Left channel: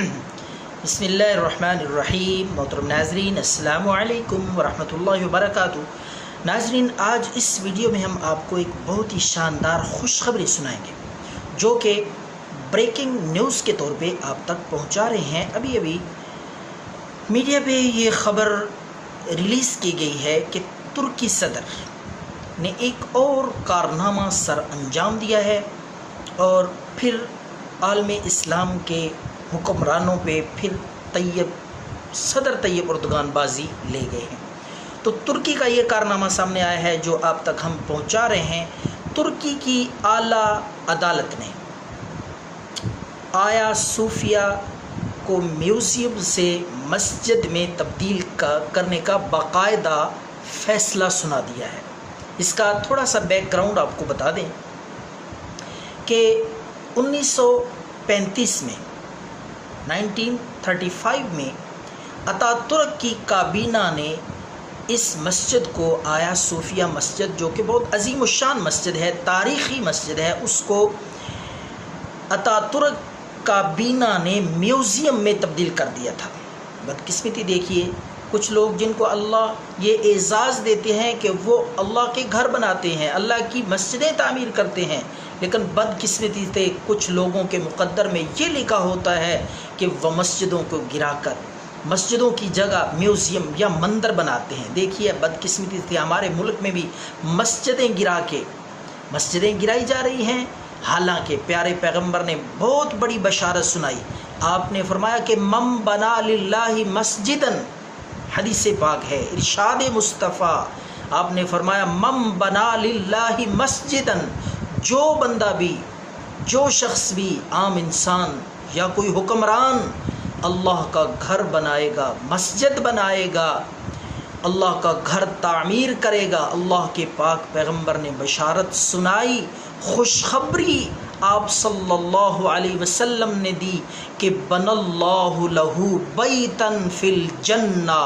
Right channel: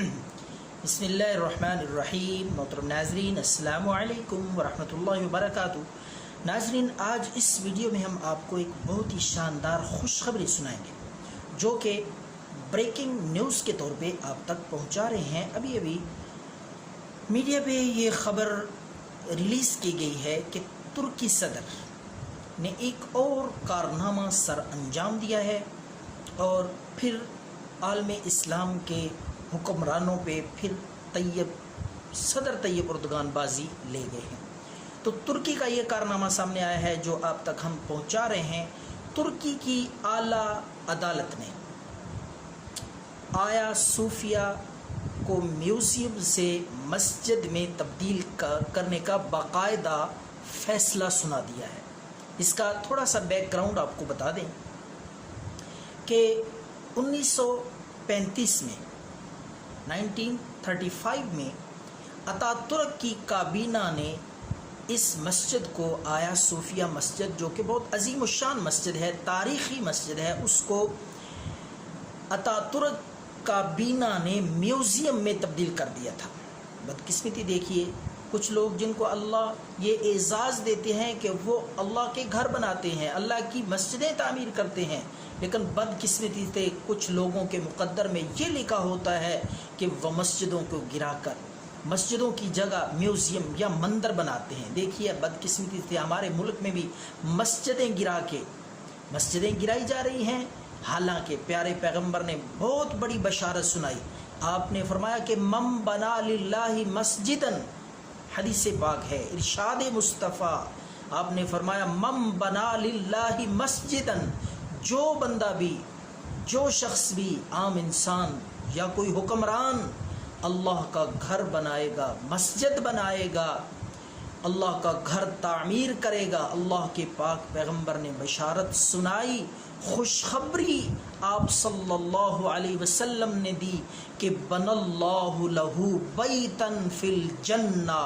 بسم اللہ الرحمن الرحیم۔ محترم ناظرین، السلام علیکم ورحمۃ اللہ وبرکاتہ۔ ناظرین، آج اس ویڈیو میں ہم آپ کو ایک بہت ہی شاندار خوشخبری سنائیں گے جو کہ بریکنگ نیوز کے طور پہ آپ تک پہنچا رہے ہیں۔ ابھی میڈیا پہ یہ خبر ریلیز کی گئی ہے کہ ترکی صدر نے ایک اور کارنامہ سر انجام دیا ہے اور پھر عالم اسلام کے حکمرانوں پہ پھر صدر طیب اردگان بازی لے گئے ہیں۔ تو ترکی کا یہ کارنامہ سامنے آیا ہے جو آپ تک ہم پہنچا رہے ہیں۔ ترکی کی اعلیٰ عدالت نے آیا صوفیہ کو میوزیم سے مسجد میں تبدیل کرنے کا باقاعدہ فیصلہ سنا دیا ہے۔ اس کا تھوڑا سا بیک گراؤنڈ آپ کو بتا دیں کہ 1935 میں 1935 میں اتاترک کی کابینہ نے اس مسجد کو آیا صوفیہ مسجد، جو کہ بہت عظیم الشان مسجد ہے، تاریخی مسجد ہے، اس کو اتاترک کابینہ نے میوزیم میں تبدیل کر دیا تھا۔ بدقسمتی دیکھیے، کچھ لوگ جن کو اللہ یہ اعزاز دیتے ہیں کہ وہ اللہ کے گھر بناتے ہیں، اللہ کی مسجدیں تعمیر کرتے ہیں، لیکن بدقسمتی سے کچھ لوگوں کے مقدر میں یہ لکھا ہوتا ہے کہ وہ مسجدوں کو گرا کر مسجدوں کی جگہ میوزیم یا مندر بناتے ہیں۔ دیکھیے، بدقسمتی سے ہمارے ملک میں بھی مسجدیں گرائی جا رہی ہیں، حالانکہ پیارے پیغمبر نے بہت بڑی بشارت سنائی۔ آپ نے فرمایا کہ من بنا للہ مسجدن، حدیث پاک ہے، ارشاد مصطفیٰ، آپ نے فرمایا من بنا للہ مسجدن، جو بندہ بھی، جو شخص بھی، عام انسان یا کوئی حکمران اللہ کا گھر بنائے گا، مسجد بنائے گا، اللہ کا گھر تعمیر کرے گا، اللہ کے پاک پیغمبر نے بشارت سنائی، خوشخبری آپ صلی اللہ علیہ وسلم نے دی کہ بن اللہ لہو بیتن فی الجنہ،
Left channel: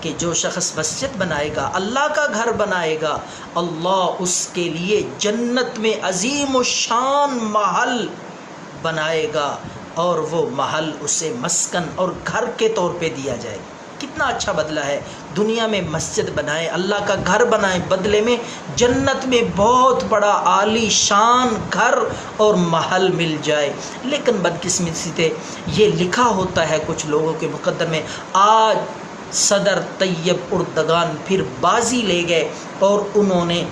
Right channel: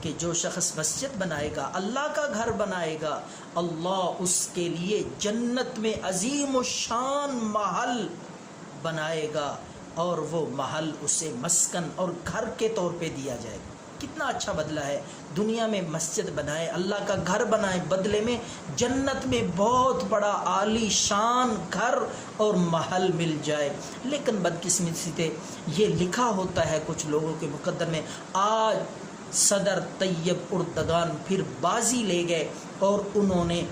کہ جو شخص مسجد بنائے گا، اللہ کا گھر بنائے گا، اللہ اس کے لیے جنت میں عظیم الشان محل بنائے گا، اور وہ محل اسے مسکن اور گھر کے طور پہ دیا جائے گا۔ کتنا اچھا بدلہ ہے، دنیا میں مسجد بنائیں، اللہ کا گھر بنائیں، بدلے میں جنت میں بہت بڑا عالی شان گھر اور محل مل جائے۔ لیکن بدقسمتی سے یہ لکھا ہوتا ہے کچھ لوگوں کے مقدر میں، آج صدر طیب اردگان پھر بازی لے گئے اور انہوں نے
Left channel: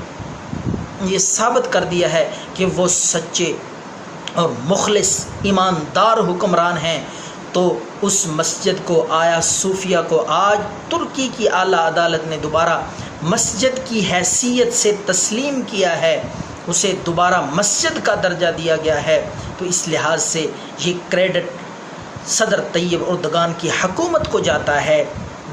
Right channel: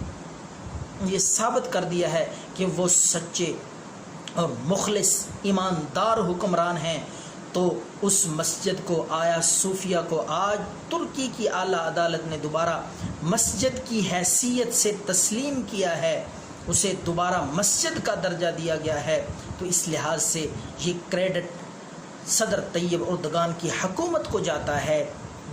یہ ثابت کر دیا ہے کہ وہ سچے اور مخلص ایماندار حکمران ہیں۔ تو اس مسجد کو، آیا صوفیہ کو، آج ترکی کی اعلیٰ عدالت نے دوبارہ مسجد کی حیثیت سے تسلیم کیا ہے، اسے دوبارہ مسجد کا درجہ دیا گیا ہے۔ تو اس لحاظ سے یہ کریڈٹ صدر طیب اردگان کی حکومت کو جاتا ہے۔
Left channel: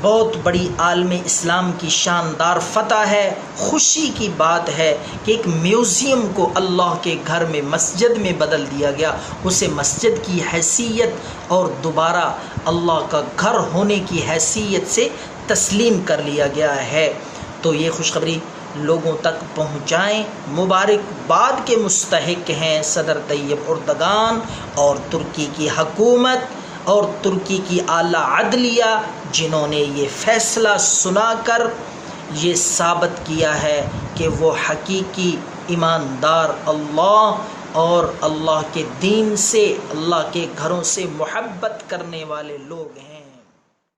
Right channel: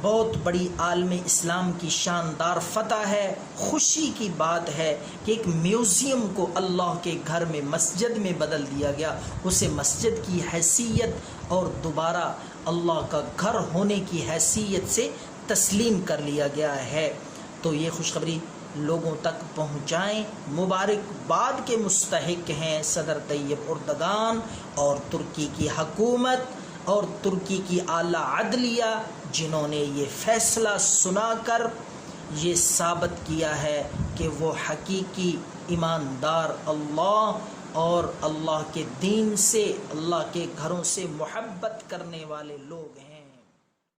بہت بڑی عالم اسلام کی شاندار فتح ہے، خوشی کی بات ہے کہ ایک میوزیم کو اللہ کے گھر میں، مسجد میں بدل دیا گیا، اسے مسجد کی حیثیت اور دوبارہ اللہ کا گھر ہونے کی حیثیت سے تسلیم کر لیا گیا ہے۔ تو یہ خوشخبری لوگوں تک پہنچائیں۔ مبارکباد کے مستحق ہیں صدر طیب اردگان اور ترکی کی حکومت اور ترکی کی اعلیٰ عدلیہ، جنہوں نے یہ فیصلہ سنا کر یہ ثابت کیا ہے کہ وہ حقیقی ایماندار اللہ اور اللہ کے دین سے، اللہ کے گھروں سے محبت کرنے والے لوگ ہیں۔